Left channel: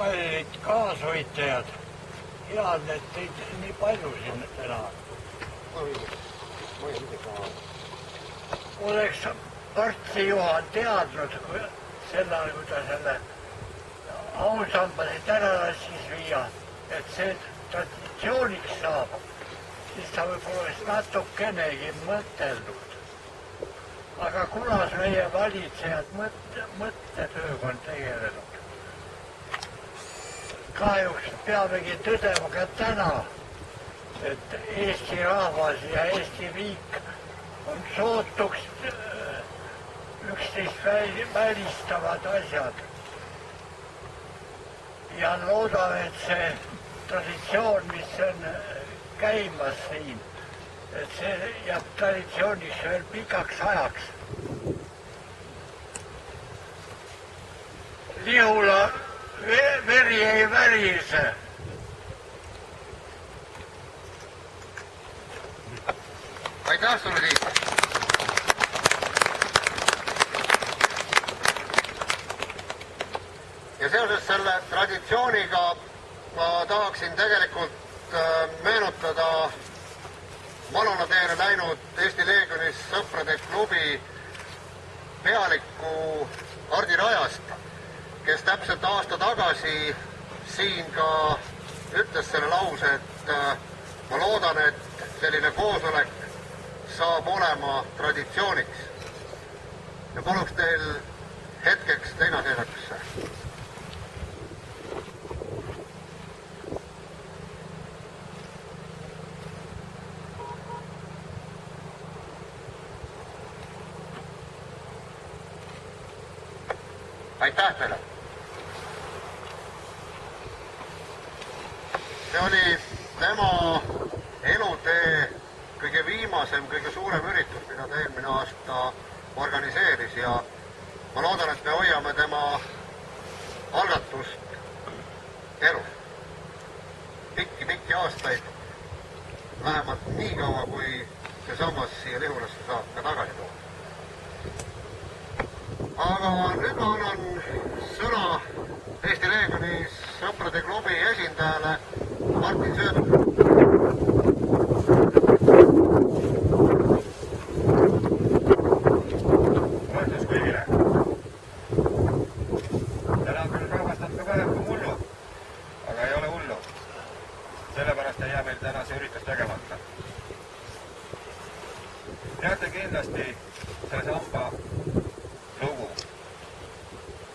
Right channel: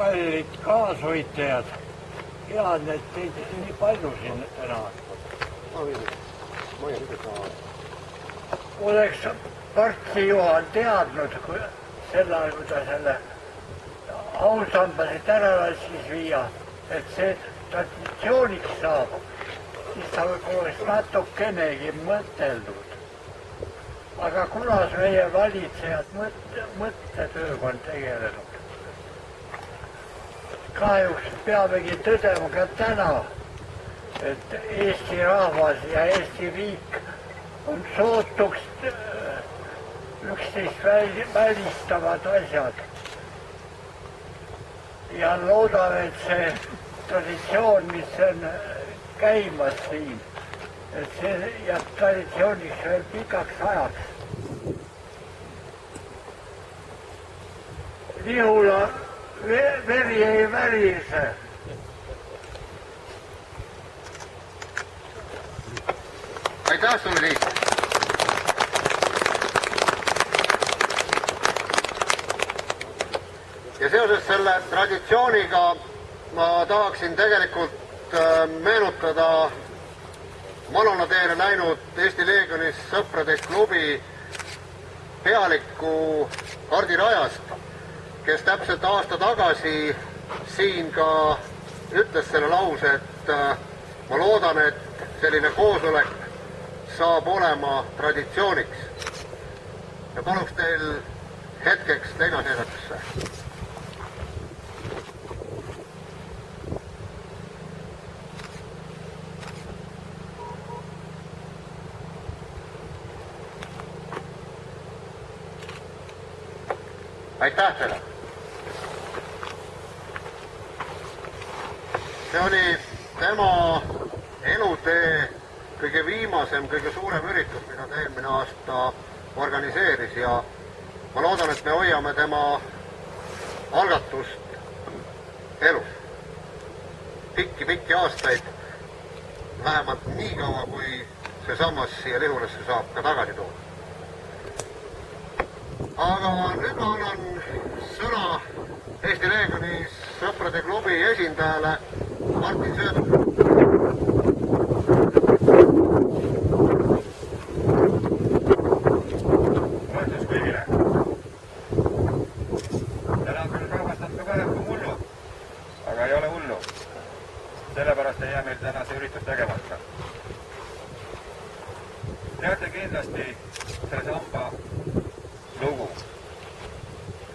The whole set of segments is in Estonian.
kallid kaasvõitlejad, head, et teid nii palju siin täna. Oleks Partsi Juhan teadnud sel ajal, kui ta selle ausambasid ära lassis viia, et see traditsiooniks saab, siis ta võib-olla oleks natukenegi mõtelnud. Aga kunas meie valitsejad mõttetööga on tegelenud? Kahjuks peamegi tõdema ka täna, et Eesti rahvas ja Eesti riik on sootuks üksteist välistavad asjad. Ja loodame, et see traditsioon, mis on käimas siin, et see jääb traditsiooniks veel pikaks ajaks. Lihula veri ei värise. Aitäh sulle, Tiit! Ja seoses selle traditsiooniga ma tahaksin tegelikult meenutada Malona teele läinud Eesti Leegionis sõprade klubi pealikku Hardi Rajast, kes täpselt aasta tagasi siin ka ütles selle lause, et ma loodan, et selline koosolek saab olema traditsiooniks. Ja paluks teil hetkeks leinaseisakusse. Aitäh teile! See oli tema elutee kõige viimasem, kõige suurem üritus, mida ta eelmine aasta organiseeris ja ma loodan, et me hoiame tema algatust elus. Pikki aastaid, vähemalt nii kaua, kui see sammas siia Lihulasse saab ka tagasi tuua. Aga nüüd ma annan sõna Eesti Leegionis sõprade klubi esindajale Martin Söödule. Mõtlus kõigile. Täna on küll rahvast natuke vähem kui mullu, aga ei ole hullu. Sellepärast ei jää meil täna see üritus tegemata. Teate kindlasti see samba lugu.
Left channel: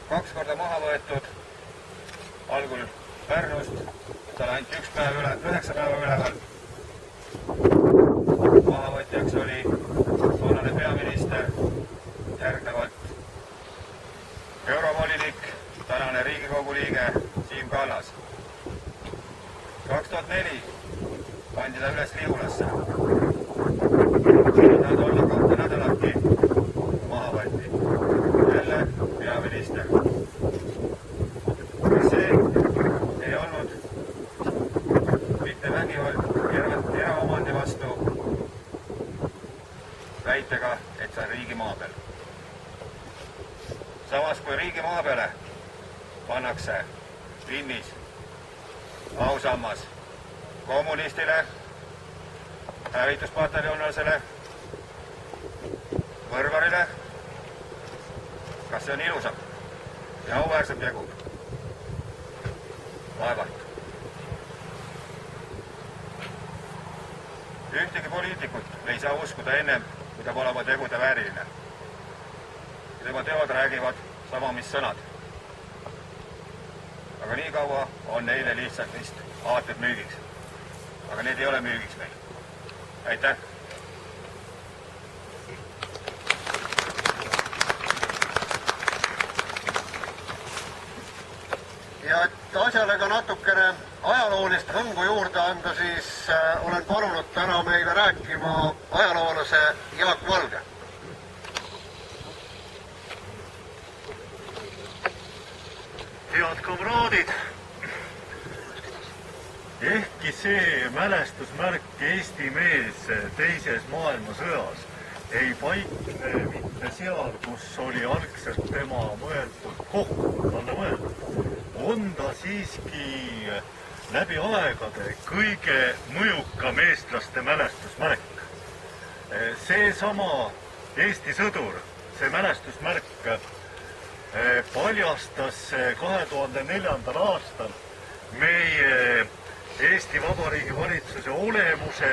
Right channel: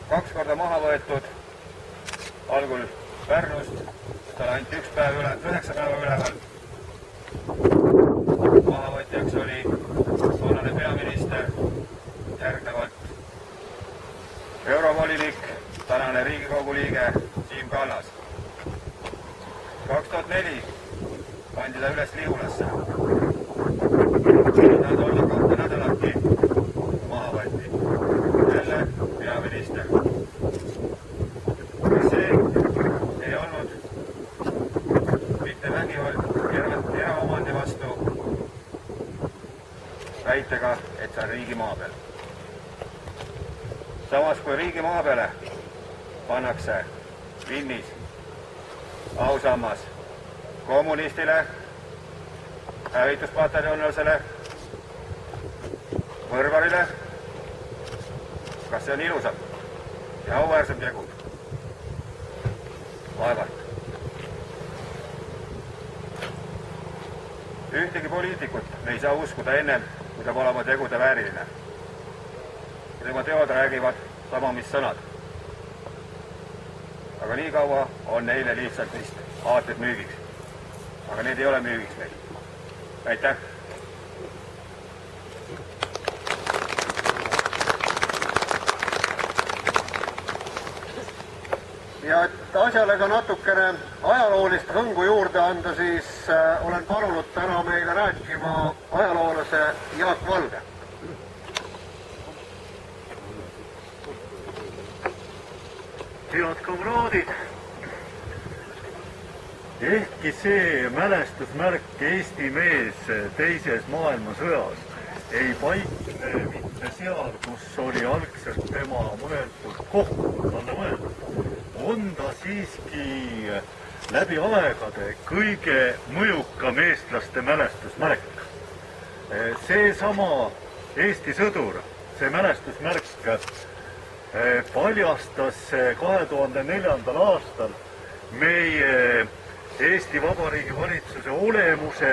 2 korda maha võetud, algul Pärnust, seal ainult 9 päeva üleval. Mahavõtjaks oli toonane peaminister, järgnevalt eurovolinik, tänane Riigikogu liige Siim Kallas. 2004 pandi ta üles Lihulasse. Nad olla 2 nädalatki maha võeti. Jälle peaminister. See ei olnud mitte vägivald eraomandi vastu väitega, et see on riigi maa peal. Samas kui riigi maa peale pannakse Vinnis ausammas kommunistile, hävituspataljonlasele, võrvarile, kas see on ilusam ja auväärsem tegu? Vaevalt. Ühtegi poliitikut me ei saa uskuda ennem, kui ta pole oma tegude vääriline. Ja tema teod räägivad sama, mis sõnad. Aga nii kaua on neile lihtsalt vist aated müügiks. Aga need ei ole müügiks meil. Aitäh! Ja et asjale ka natukene ajaloolist hõngu juurde anda, siis olen palunud täna meile rääkima ajaloolase Jaak Valge. Head kamraadid, ehkki see mälestusmärk Eesti mees teises maailmasõjas ei paikne mitte seal, kus oli algselt tema mõeldud koht, talle mõeldud. on ta siiski läbi aegade kõige mõjukam eestlaste mälestusmärk. Seesama Eesti sõdur, see mälestusmärk paljastas 2004. aastal meie Eesti Vabariigi valitsuse olemuse,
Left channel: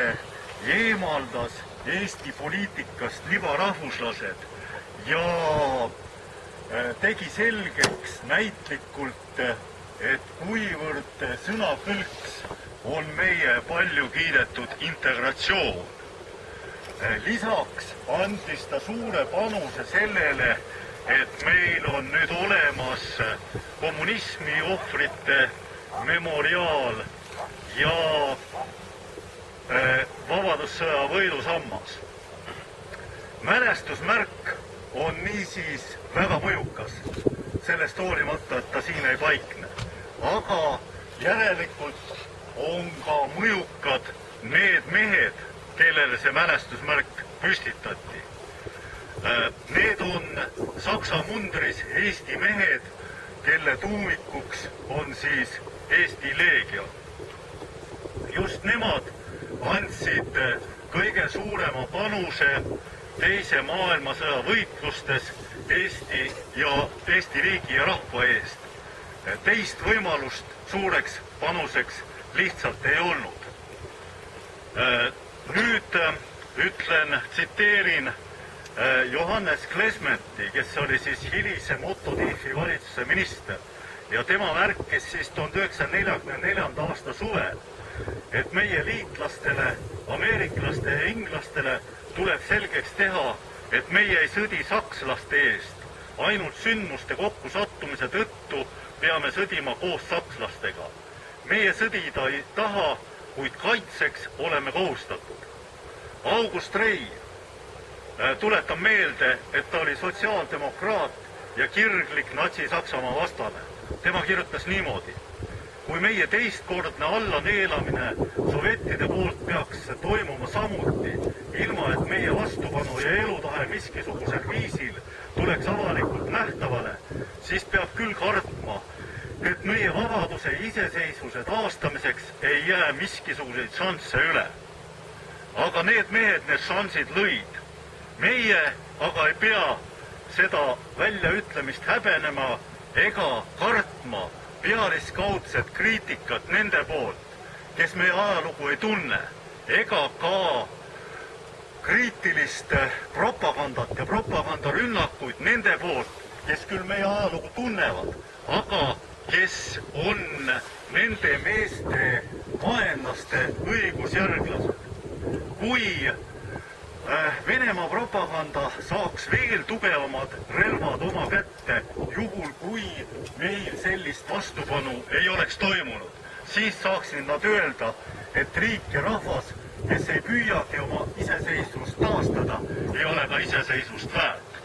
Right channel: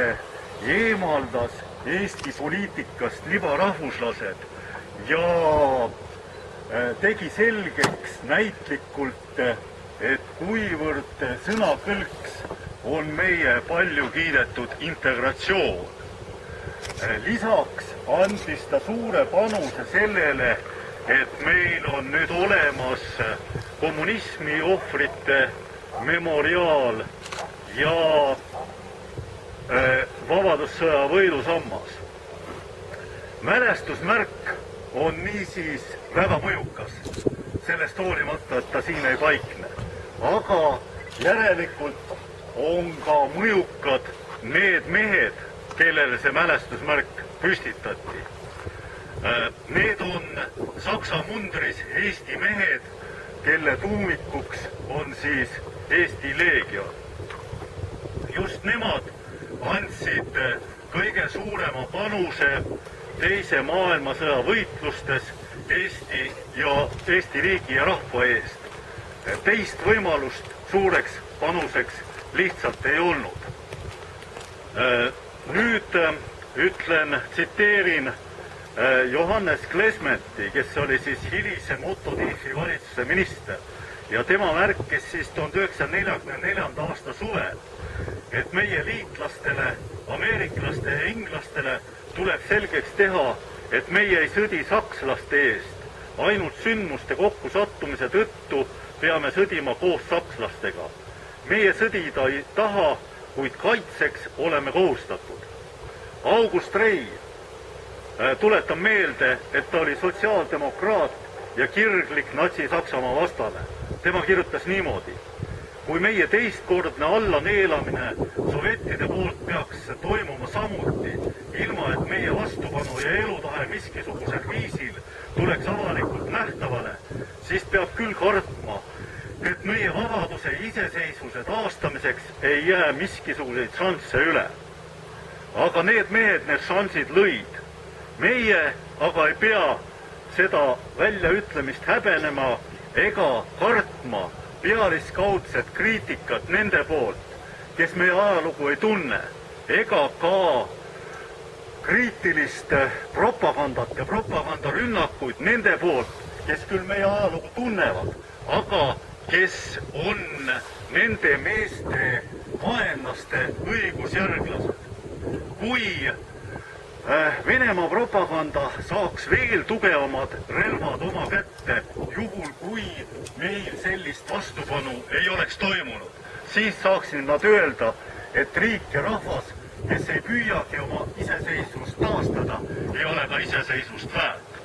eemaldas Eesti poliitikast libarahvuslased ja tegi selgeks näitlikult, et kuivõrd sõnakõlks on meie palju kiidetud integratsioon. Lisaks andis ta suure panuse sellele, et meil on nüüd olemas kommunismi ohvrite memoriaal ja Vabadussõja võidusammas. Mälestusmärk on niisiis väga mõjukas, sellest hoolimata, et ta siin ei paikne. Aga järelikult on ka mõjukad need mehed, kellele see mälestusmärk püstitati. Need on Saksa mundris Eesti mehed, kelle tuumikuks on siis Eesti Leegion. Just nemad andsid kõige suurema panuse teise maailmasõja võitlustes Eesti riigi ja rahva eest. Teist võimalust suureks panuseks lihtsalt ei olnud. Nüüd tsiteerin Johannes Klesmeti, kes oli siis hilisem Otto Tiefi valitsuse minister ja tema märkis siis 1944. aasta suvel, et meie liitlastele, ameeriklaste ja inglastele tuleb selgeks teha, et meie ei sõdi sakslaste eest. Ainult sündmuste kokkusattumise tõttu peame sõdima koos sakslastega. Meie sõdida ei taha, kuid kaitseks oleme kohustatud. August Rei, tuletan meelde, et ta oli sotsiaaldemokraat ja kirglik natsi-Saksamaa vastane. Tema kirjutas niimoodi: kui meie teistkordne allaneelamine sovjettide poolt peaks toimuma samuti, ilma et meie vastupanu ja elutahe miskisugusel viisil tuleks avalikult nähtavale, siis peab küll kartma, et meie vabaduse ja iseseisvuse taastamiseks ei jää miskisuguseid šansse üle. Aga need mehed need šansid lõid. Meie aga ei pea seda väljaütlemist häbenema ega kartma pealiskaudset kriitikat nende poolt, kes meie ajalugu ei tunne, ega ka kriitilist propagandat ja propagandarünnakuid nende poolt, kes küll meie ajalugu tunnevad, aga kes on nende meeste vaenlaste õigusjärglased. Kui Venemaa propaganda saaks veel tugevamad relvad oma kätte, juhul kui meil sellist vastupanu ei oleks toimunud, siis saaksid nad öelda, et riik ja rahvas, kes ei püüagi oma iseseisvust taastada, ei ole ka iseseisvust väärt.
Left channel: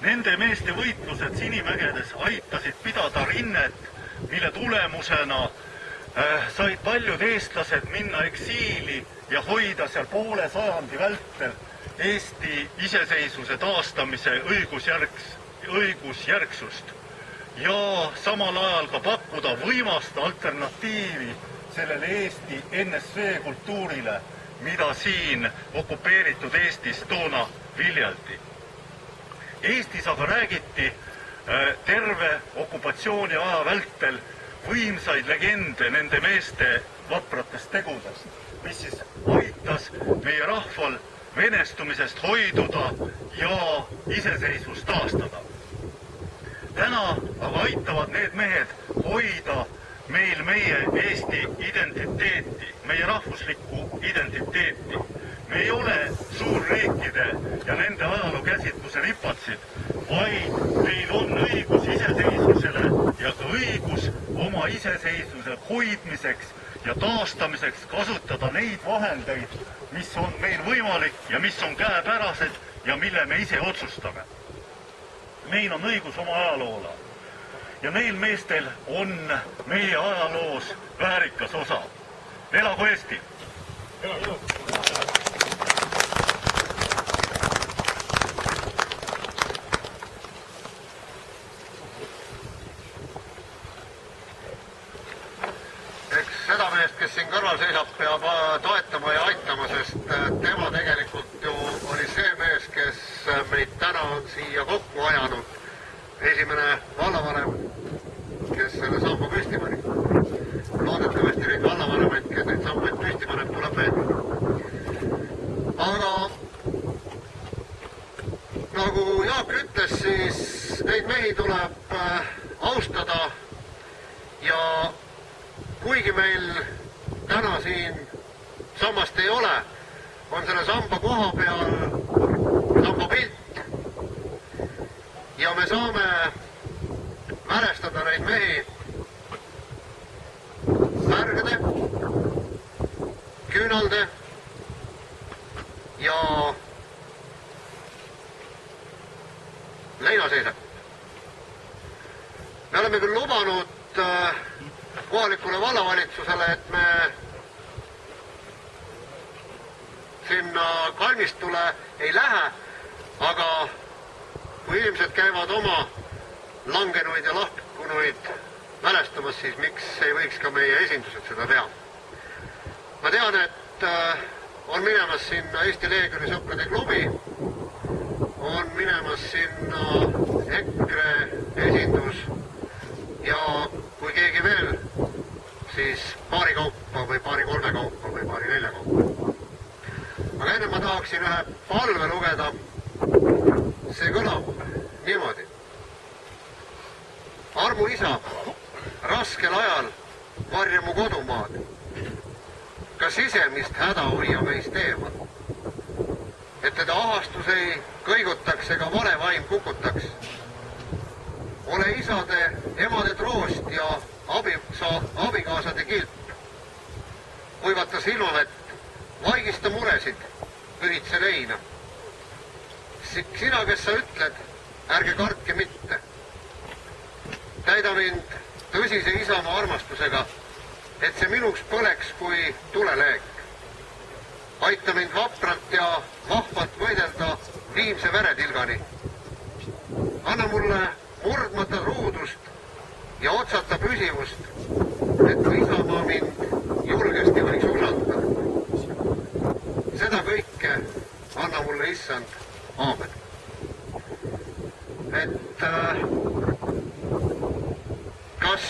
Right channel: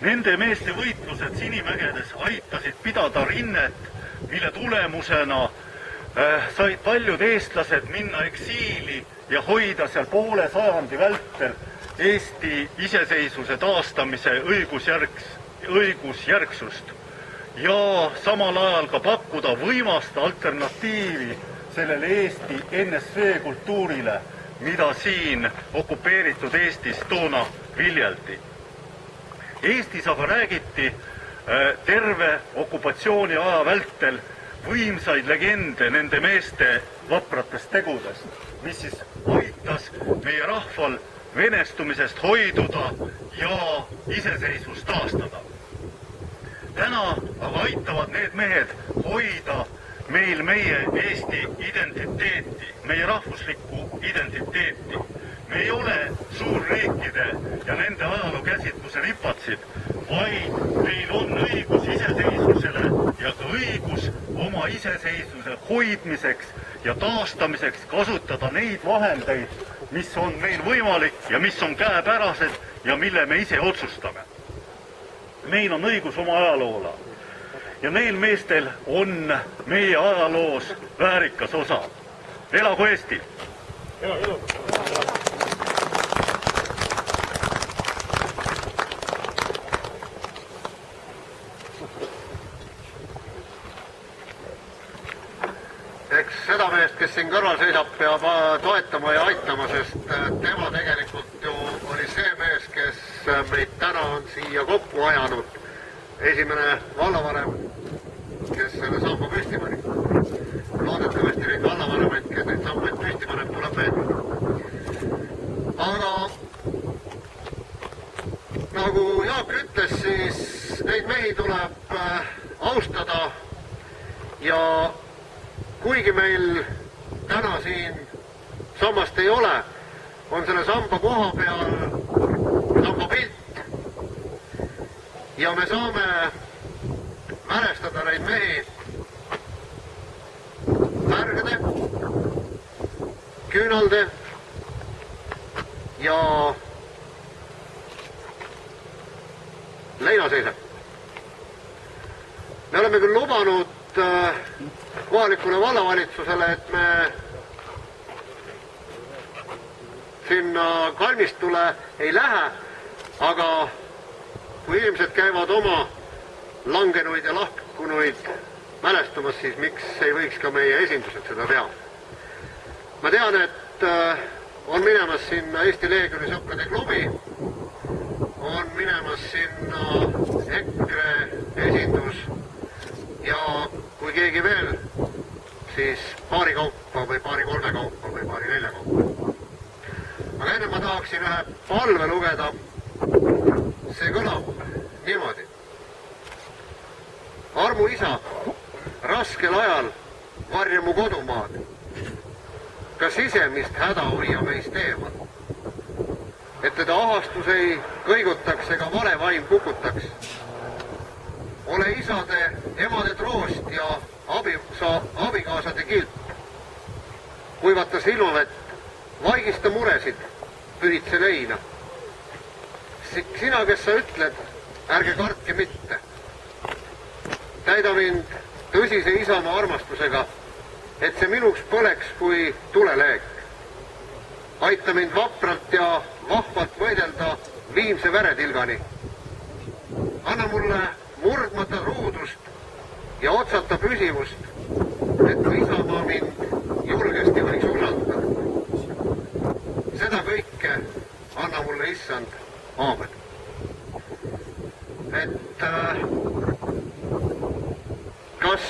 Nende meeste võitlused Sinimägedes aitasid pidada rinnet, mille tulemusena said paljud eestlased minna eksiili ja hoida seal poole sajandi vältel Eesti iseseisvuse taastamise õigusjärgsust ja samal ajal ka pakkuda võimast alternatiivi sellele Eesti NSV kultuurile, mida siin okupeeritud Eestis toona viljeldi. Eestis aga räägiti terve okupatsiooni aja vältel võimsaid legende nende meeste vapratest tegudest, mis siis aitas meie rahval venestumisest hoiduda ja iseseisvust taastada. Täna aga aitavad need mehed hoida meil meie Eesti identiteeti, meie rahvuslikku identiteeti. Me ei ole suurriikide ja nende ajalookäsitluse ripatsid, vaid meil on õigus iseseisvusele ja ka õigus oma iseseisvuse hoidmiseks ja taastamiseks kasutada neid vahendeid, mis on meil võimalik ja mis on käepärased ja mille me ise otsustame. Meil on õigus oma ajaloole ja neil meestel on meie ajaloos väärikas osa. Elagu Eesti! seda meest, kes siin kõrval seisab, peab toetama ja aitama, sest tema tegelikult ju oli see mees, kes meid täna on siia kokku ajanud. Esimene vallavanem, kes selle samba püsti pani. Loodetavasti neid vallavanemaid, kes neid sambaid püsti paneb, tuleb veel. Aga nagu Jaak ütles, siis neid mehi tuleb austada ja kuigi meil täna siin sammast ei ole, on selle samba koha peal samba pilt ja me saame mälestada neid mehi märgade, küünalde ja leinaseisak. Me oleme küll lubanud kohalikule vallavalitsusele, et me sinna kalmistule ei lähe, aga kui inimesed käivad oma langenuid ja lahkunuid mälestamas, siis miks ei võiks ka meie esindused seda teha. Ma tean, et on minemas sinna Eesti Leegioni sõprade klubi, on minemas sinna EKRE esindus ja kui keegi veel, siis paari kaupa või paari kolme kaupa või paari nelja kaupa. Aga enne ma tahaksin ühe palve lugeda. See kõlab niimoodi. Armu isa, raskel ajal varja mu kodumaad. Ka sisemist häda hoia meist eemal. Et teda ahastus ei kõigutaks ega vale vaim kukutaks. Ole isade, emade troost ja abikaasade kilp. Kuivata silmavett, vaigista muresid, pühitse leina. Sina, kes sa ütled, ärge kartke mitte. Täida mind tõsise isamaa armastusega, et see minuks põleks kui tuleleek. Aita mind vapralt ja vahvalt võidelda viimse veretilgani. Anna mulle murdmata ruudust ja otsata püsivust, et mu isamaa mind julgesti võiks usaldada. Seda kõike anna mulle issand. Aamen. Et kas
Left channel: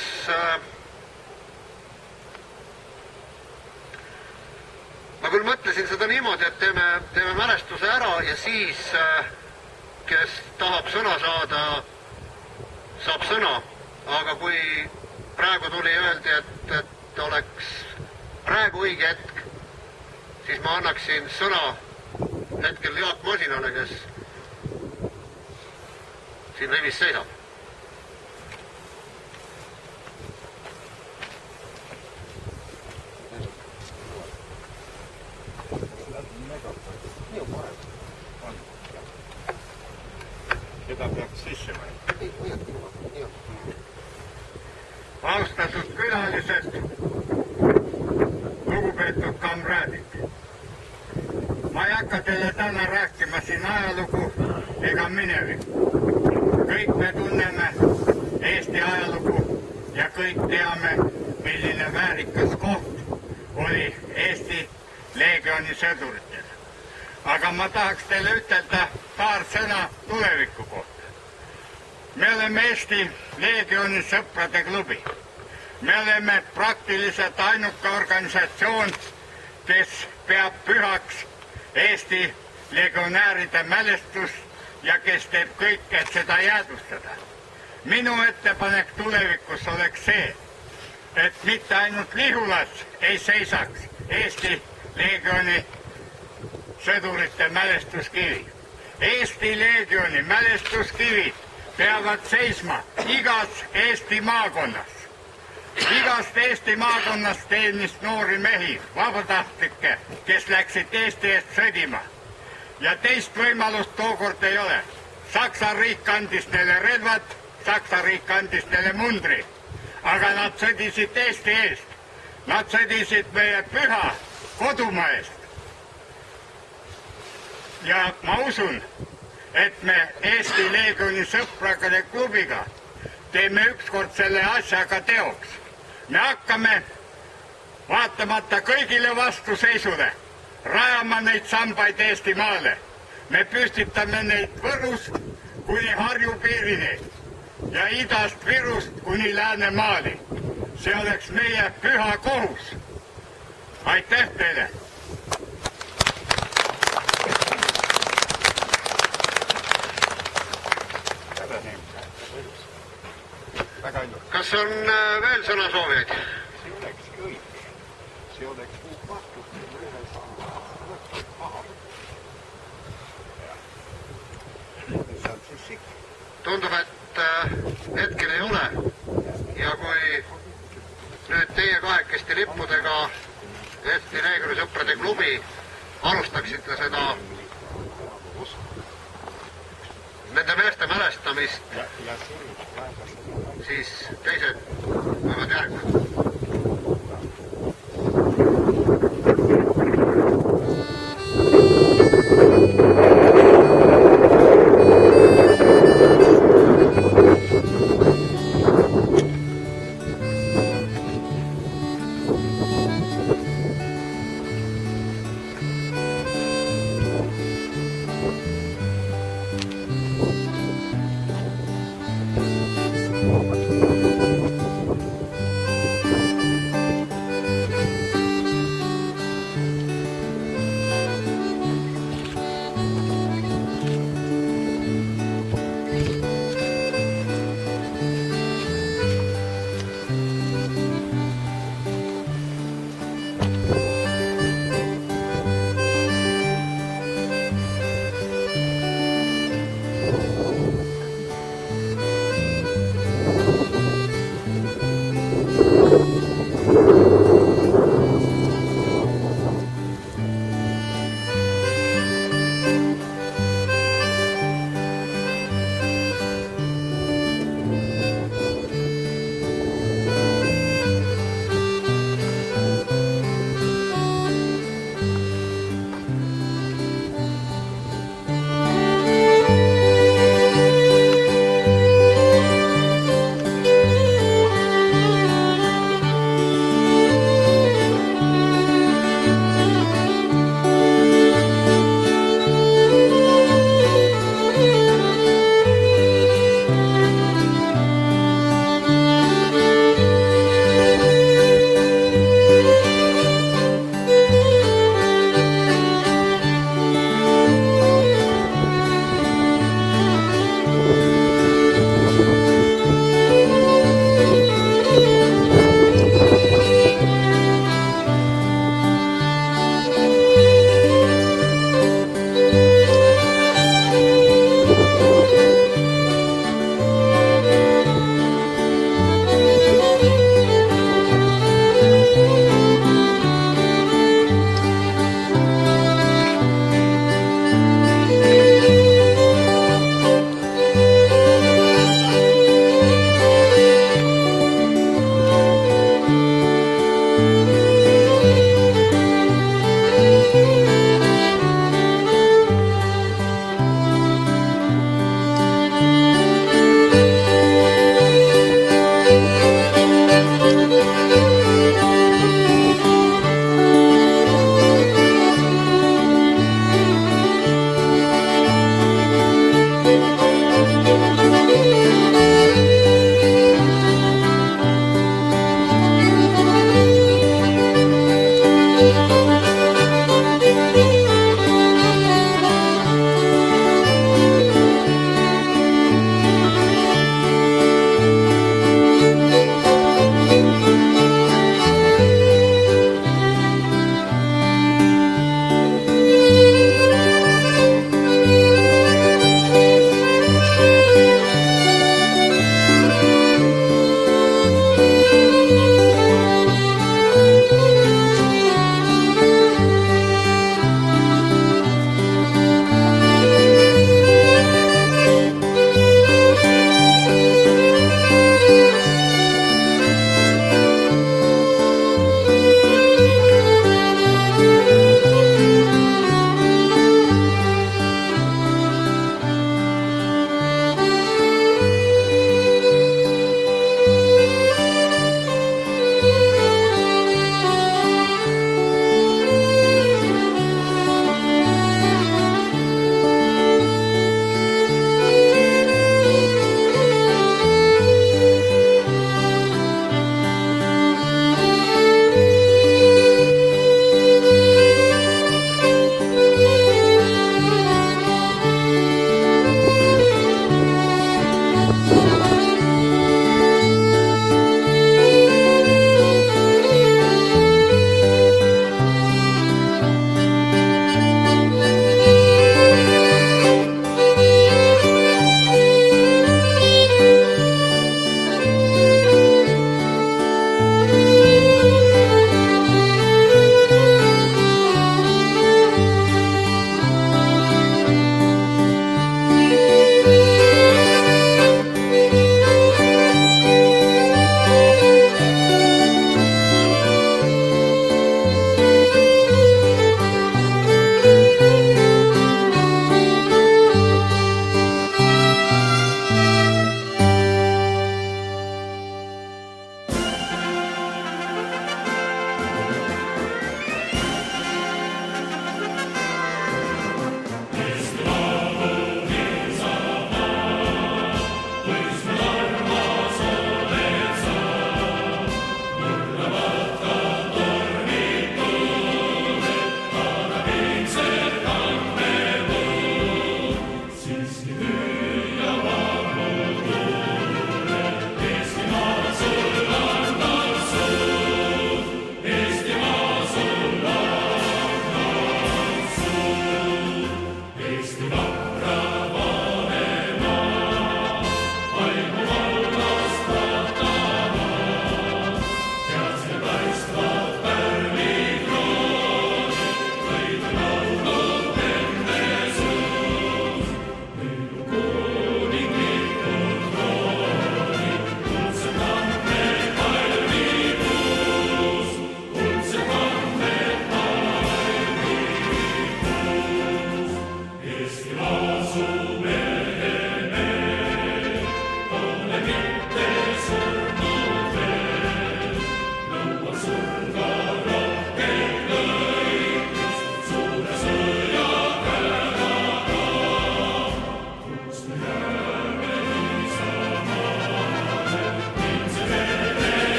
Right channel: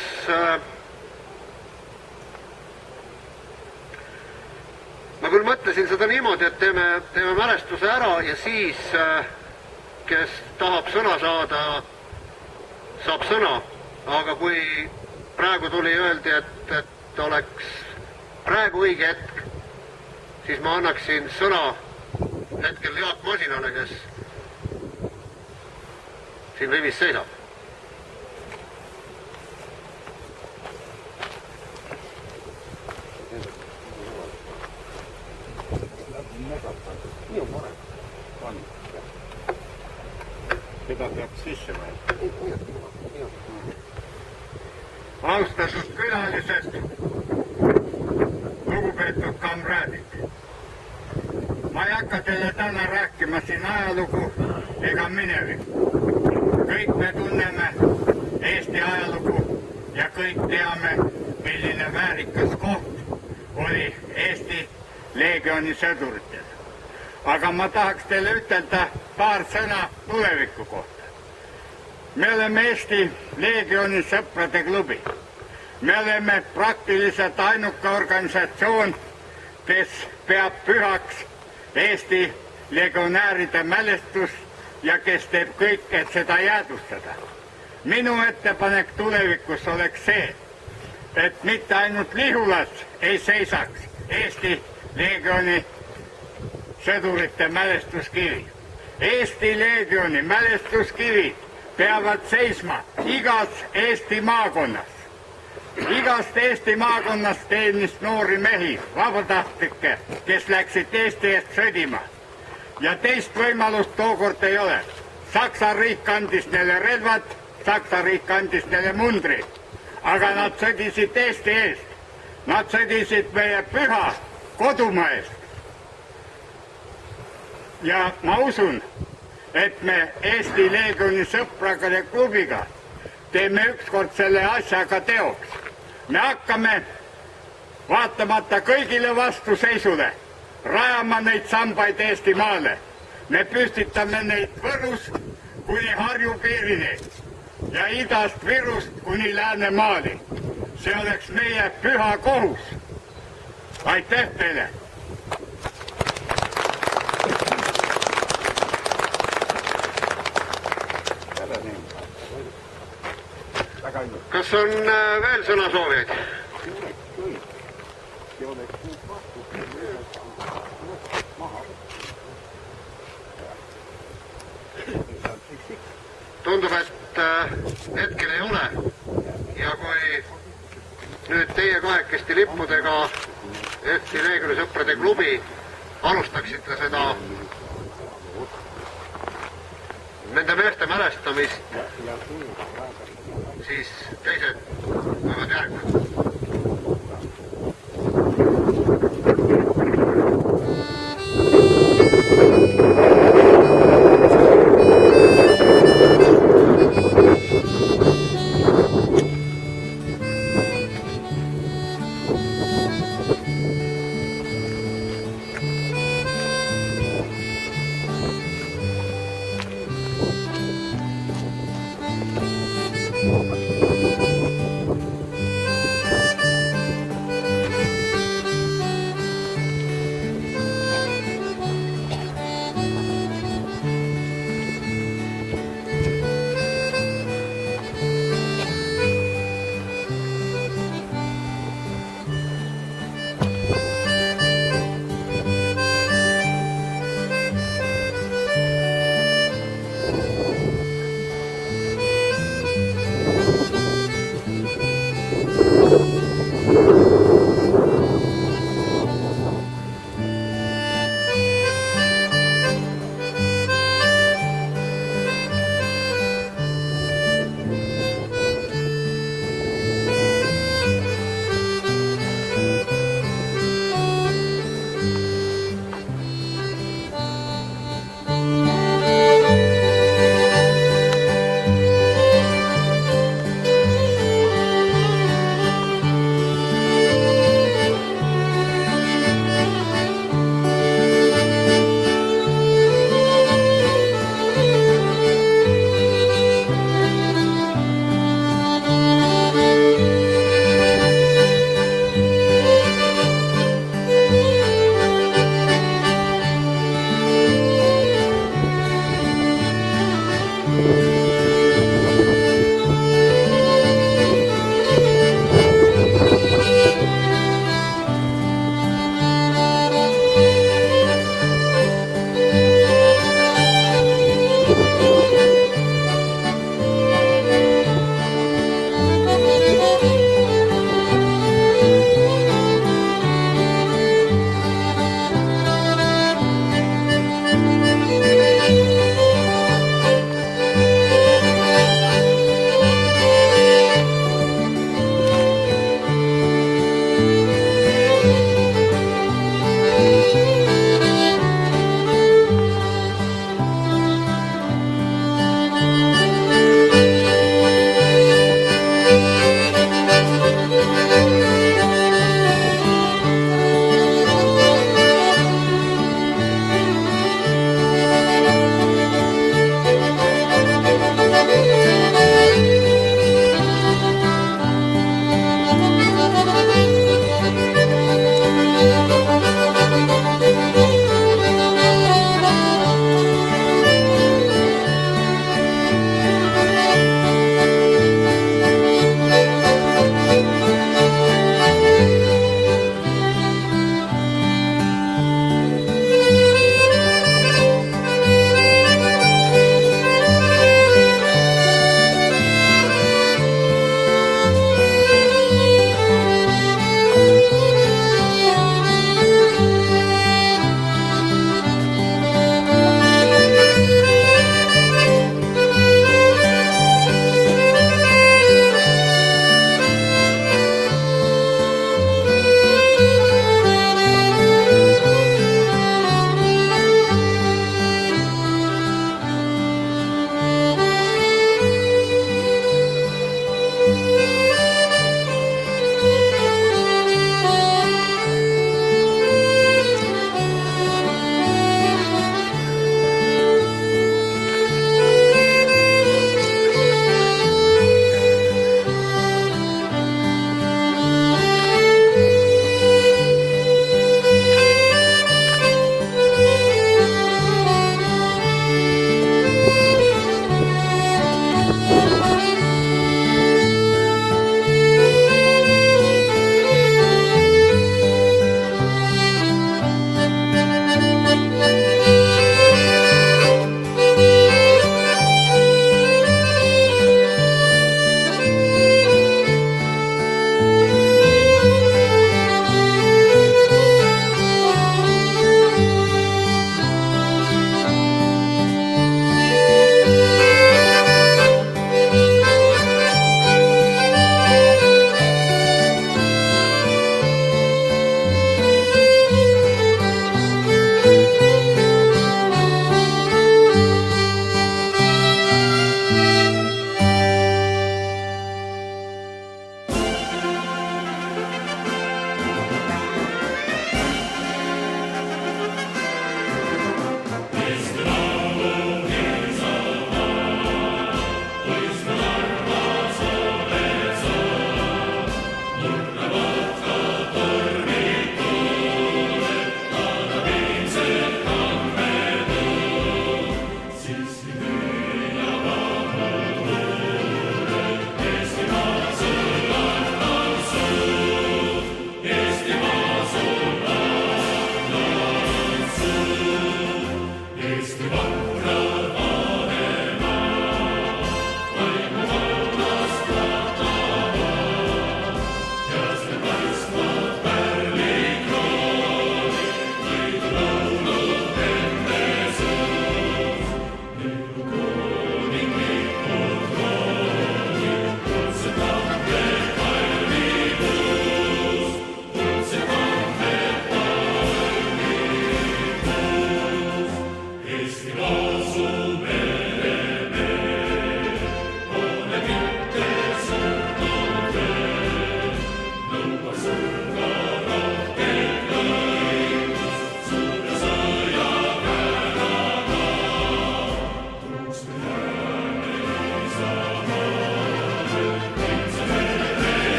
ma küll mõtlesin seda niimoodi, et teeme mälestuse ära ja siis kes tahab sõna saada, saab sõna, aga kui praegu tuli öeldi, et oleks praegu õige hetk, siis ma annaksin sõna hetkel Jaak Masinale, kes siin rivis seisab. Nii on parem. On. Seda peaks sisse võtta. Austatud külalised, lugupeetud kamraadid. Ma ei hakka teile täna rääkima siin ajalugu ega minevikku. Kõik me tunneme Eesti ajalugu ja kõik teame, milline väärikas koht oli Eesti Leegioni sõduritel. Aga ma tahaks teile ütelda paar sõna tuleviku kohta. Me oleme Eesti Leegioni sõprade klubi. Me oleme praktiliselt ainuke organisatsioon, kes peab pühaks Eesti legionääride mälestust ja kes teeb kõik, et seda jäädvustada. Minu ettepanek tulevikus oleks see, et mitte ainult Lihulas ei seisaks Eesti Leegioni sõdurite mälestuskivi. Eesti Leegioni mälestuskivid peavad seisma igas Eesti maakonnas. Igast Eesti maakonnast teenis noori mehi, vabatahtlikke, kes läksid Eesti eest sõdima. Ja teist võimalust tookord ei ole. Saksa riik andis neile relvad, Saksa riik andis neile mundri. Aga nad sõdisid Eesti eest. Nad sõdisid meie püha kodumaa eest. Ja ma usun, et me Eesti Leegioni sõprade klubiga teeme ükskord selle asjaga teoks. Me hakkame vaatamata kõigile vastuseisule rajama neid sambaid Eestimaale. Me püstitame neid Võrust kuni Harju piirini ja idast Virust kuni Läänemaali. See oleks meie püha kohus. Aitäh teile! Kas on veel sõnasoovijaid? Tundub, et hetkel ei ole. Ja kui nüüd teie kahekesti lippudega Eesti Leegioni klubi alustaksite seda nende meeste mälestamist, siis teised võivad järgida.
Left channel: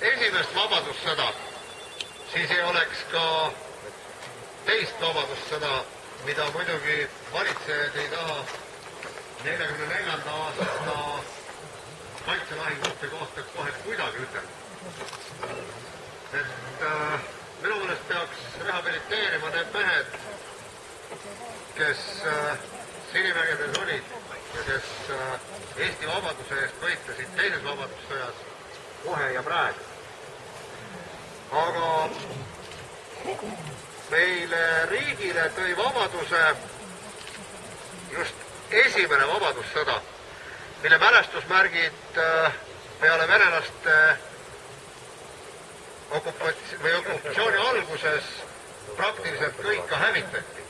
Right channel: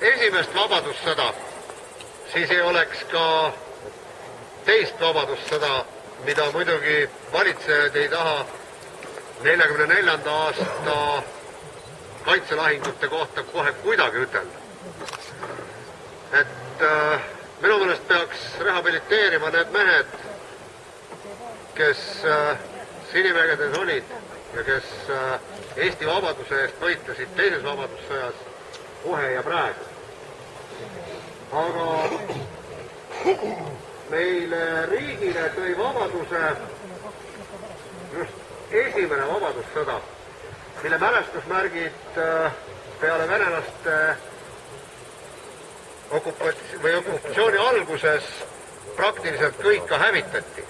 esimest vabadussõda, siis ei oleks ka teist vabadussõda, mida muidugi valitsejad ei taha 44. aasta kaitselahingute kohta kohe kuidagi ütelda. Et minu meelest peaks rehabiliteerima need mehed, kes Sinivägedes olid ja kes Eesti vabaduse eest võitlesid teises vabadussõjas kohe ja praegu. Aga meile riigile tõi vabaduse just esimene vabadussõda, mille mälestusmärgid peale venelaste okupatsiooni alguses praktiliselt kõik ka hävitati.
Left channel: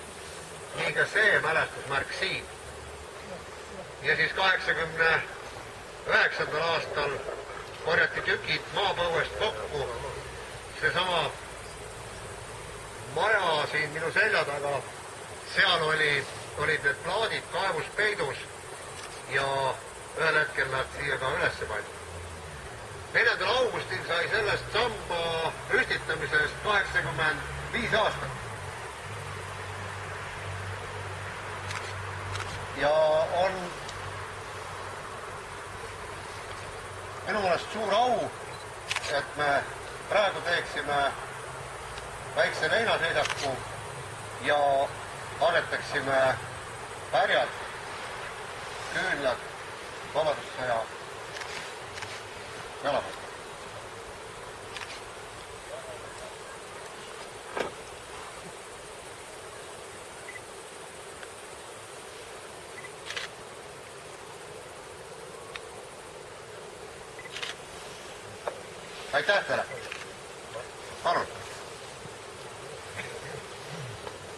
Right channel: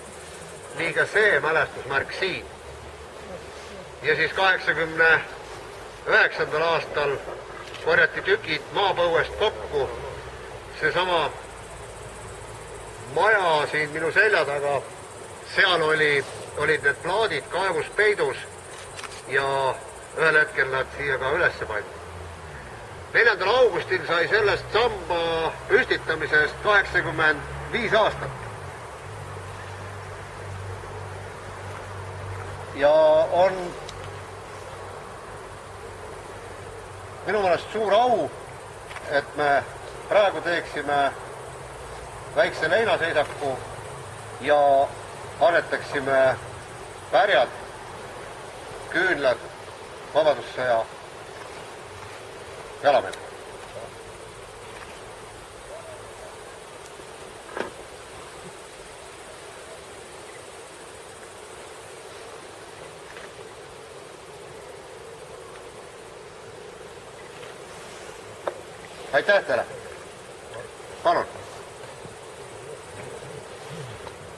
Nii ka see mälestusmärk siin. Ja siis 89. aastal korjati tükid maapõuest kokku. Seesama maja siin minu selja taga, seal olid need plaadid kaevus peidus ja ühel hetkel nad siia ka ülesse pandi. 4. augustil sai sellest samba püstitamisest 85 aastat. Ja on minu meelest suur au, et me praegu teeksime väikse leinaseisaku ja annetaksime pärjad, küünlad vabadussõja jalamehed. Aitäh teile! Palun!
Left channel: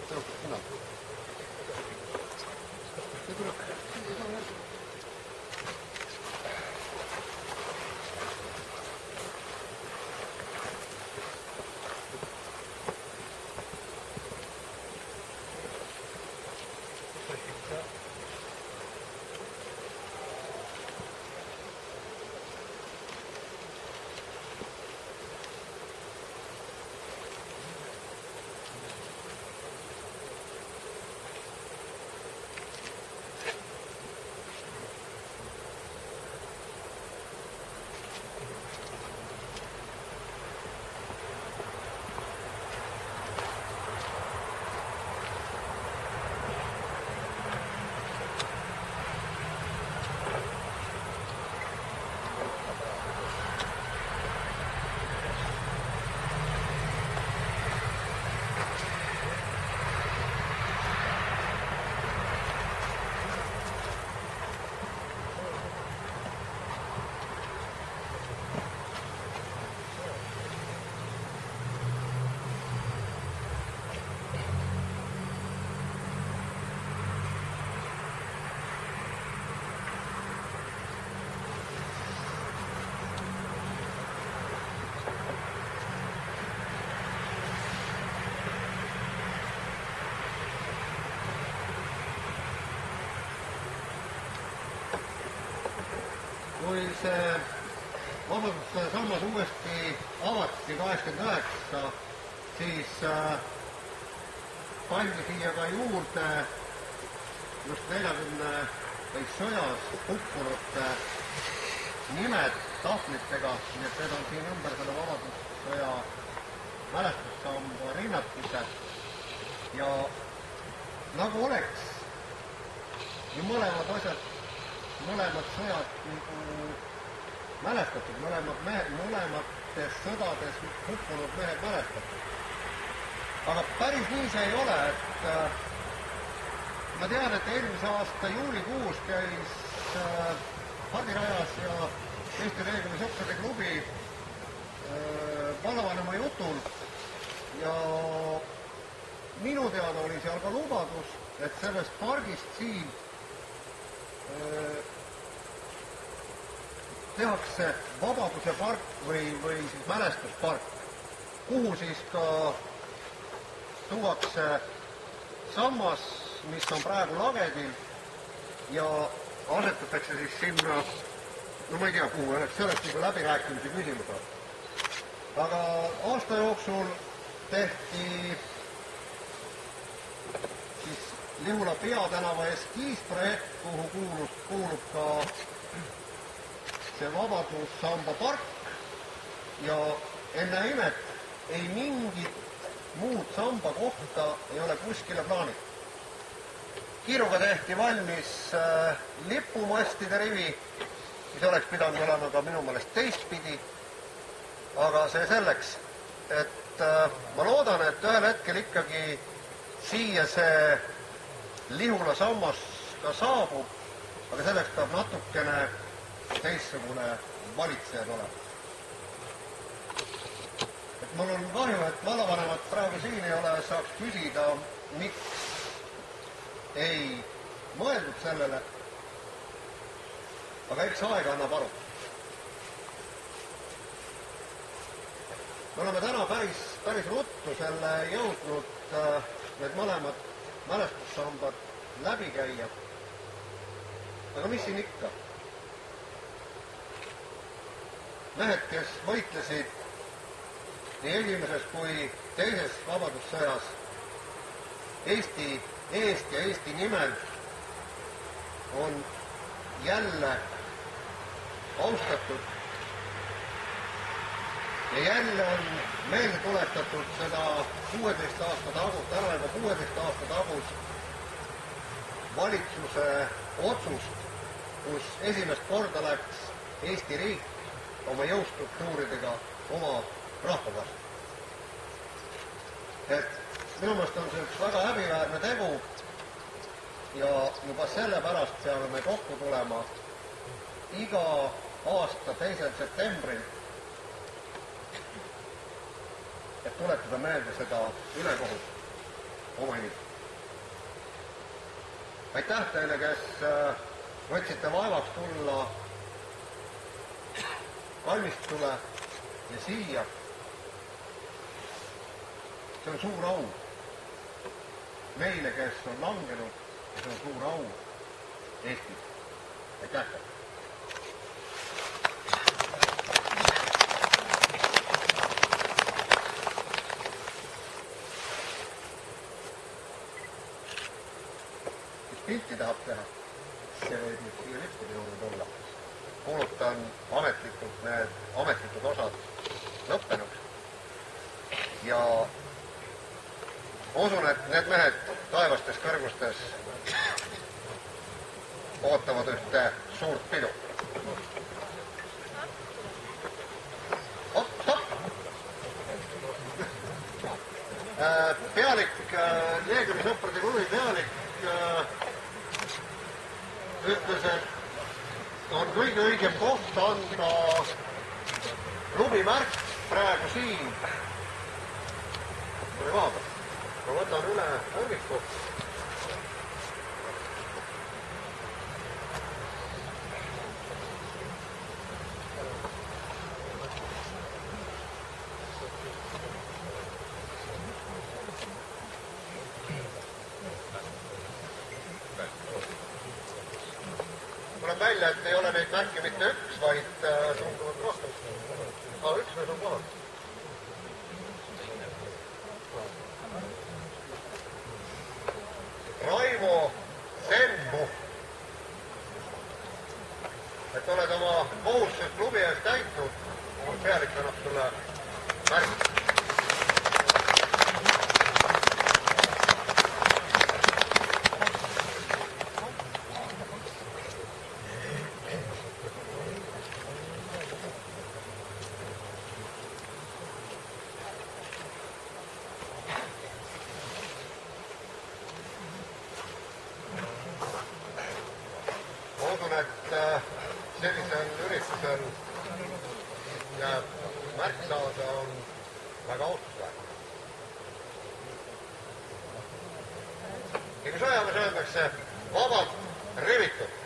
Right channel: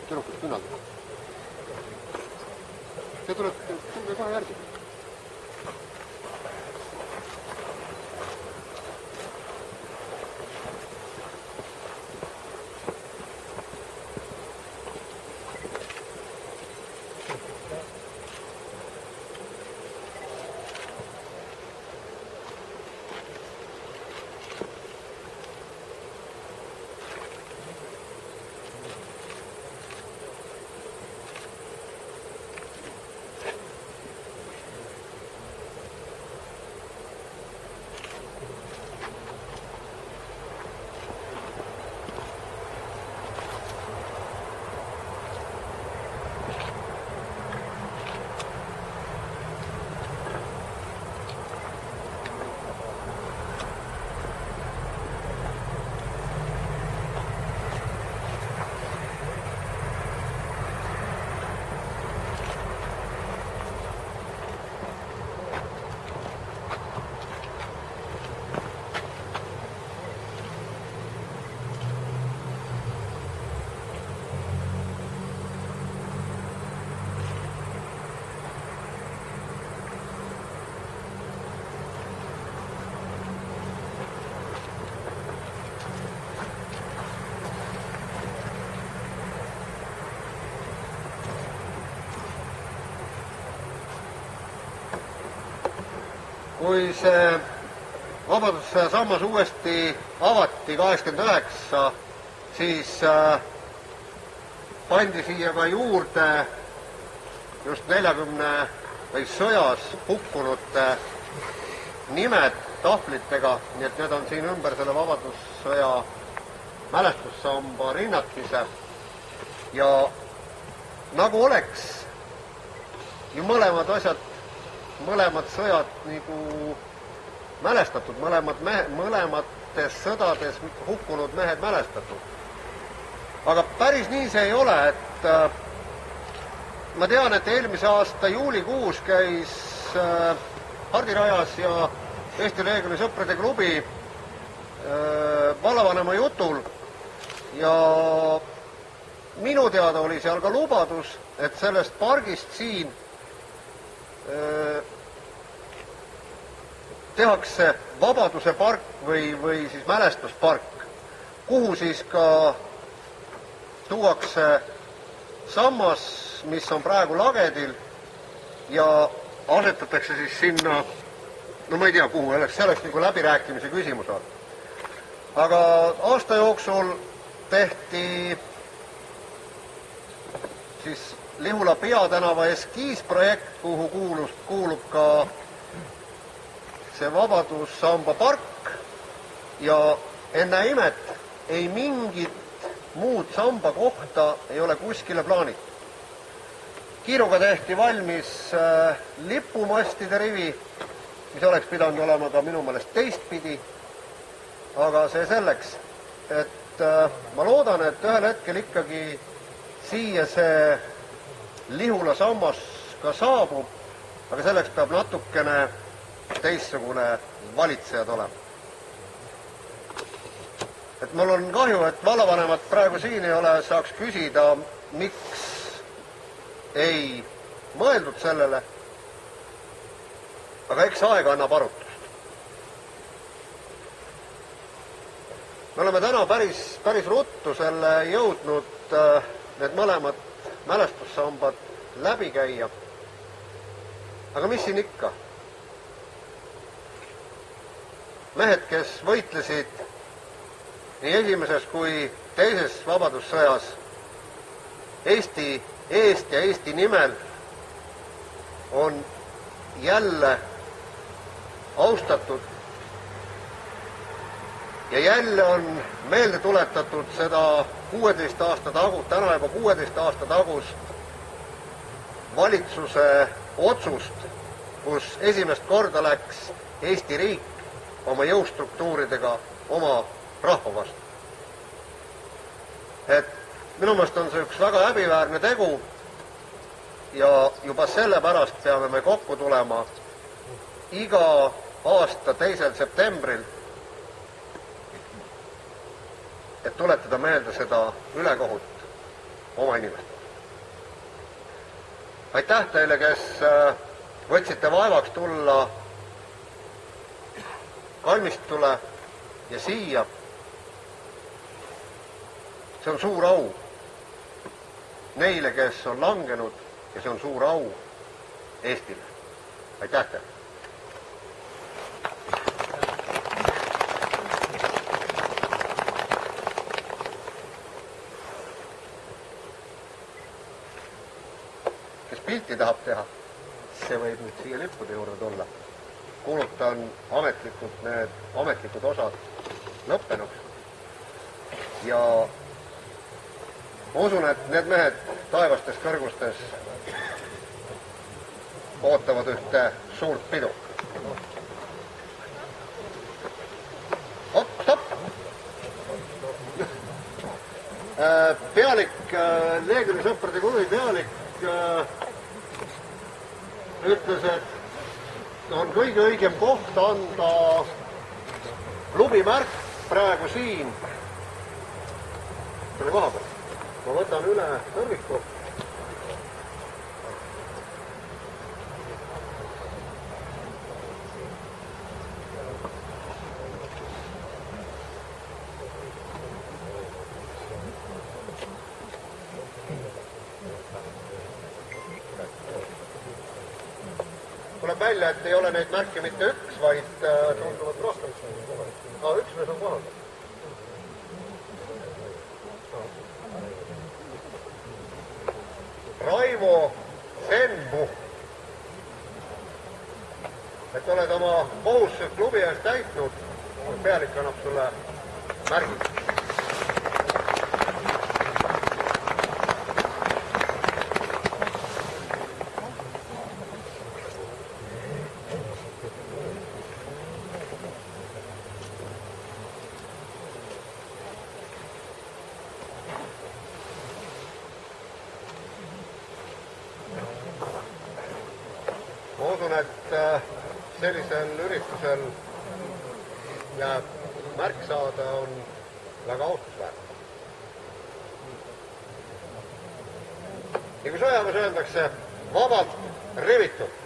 Tüdrukud küünaldada. See tuleb ka järgi. Kui see vabadussõja sammas uuesti avati 89, siis pandi siia ka juurde just 40 või sõjas hukkunute nimed tahvlitega, nii et need on siin ümber selle vabadussõja mälestussamba rinnakise. Ja nagu oleks ju mõlemad asjad, mõlemad sõjad nagu mälestatud, mõlemates sõdades hukkunud mehed mälestatud. Aga päris nii see ei ole, et ma tean, et eelmise aasta juulikuus käis Hardirajas ja Eesti Leegioni sõprade klubi vallavanema jutul ja minu teada oli seal ka lubadus, et sellest pargist siin tehakse Vabaduse park või siis mälestuspark, kuhu siis ka tuuakse sammas, mis on praegu lagedil ja asetatakse siis sinna, no ma ei tea kuhu, see oleks nagu läbirääkimise küsimus on. aga aasta jooksul tehti siis Lihula peatänava eskiisprojekt, kuhu kuulub ka see Vabadussamba park ja enne imet ei mingit muud samba kohta ei ole kuskile plaanitud. Kiiruga tehti valmis lipumastide rivi, mis oleks pidanud olema ka minu meelest teistpidi, aga see selleks, et ma loodan, et ühel hetkel ikkagi siia see Lihula sammas ka saabub, aga selleks peab natukene teistsugune valitsejad olema. Et mul on kahju, et vallavanemat praegu siin ei ole, saaks küsida, miks ei mõeldud sellele, aga eks aeg annab arutust. Me oleme täna päris ruttu selle jõudnud need mõlemad mälestussambad läbi käia. Aga mis siin ikka? Mehed, kes võitlesid nii esimeses kui teises vabadussõjas Eesti eest ja Eesti nimel, on jälle austatud ja jälle on meelde tuletatud seda 16 aasta tagus, täna juba 16 aasta tagus valitsuse otsust, kus esimest korda läks Eesti riik oma jõustruktuuridega oma rahva vastu. Et minu meelest on see üks väga häbiväärne tegu ja juba sellepärast peame me kokku tulema iga aasta 2. septembril, et tuletada meelde seda ülekohut oma inimestele. Aitäh teile, kes võtsite vaevaks tulla kalmistule ja siia. See on suur au neile, kes on langenud ja see on suur au Eestile. Aitäh teile! Kes pilti tahab teha, see võib nüüd siia lippude juurde tulla. Kuulutan ametlikult need ametlikud osad lõppenuks. Ja ma usun, et need mehed taevastes kõrgustes ootavad ühte suurt pidu. Stopp! Pealik, Leegioni sõprade klubi pealik ütles, et on kõige õigem koht anda klubimärk praegu siin selle koha peal. Ma võtan üle tõrviku. Tuleb välja, et ei ole neid märke mitte üks, vaid tunduvalt rohkem. Üks mees on kohal. Raivo Senbu, et oled oma kohustused klubi ees täitnud, pealik annab sulle märgid. Ma usun, et sellisel üritusel jääb märk saada on väga austusväärne. Ja kui sõjaväes öeldakse vabalt rivitud,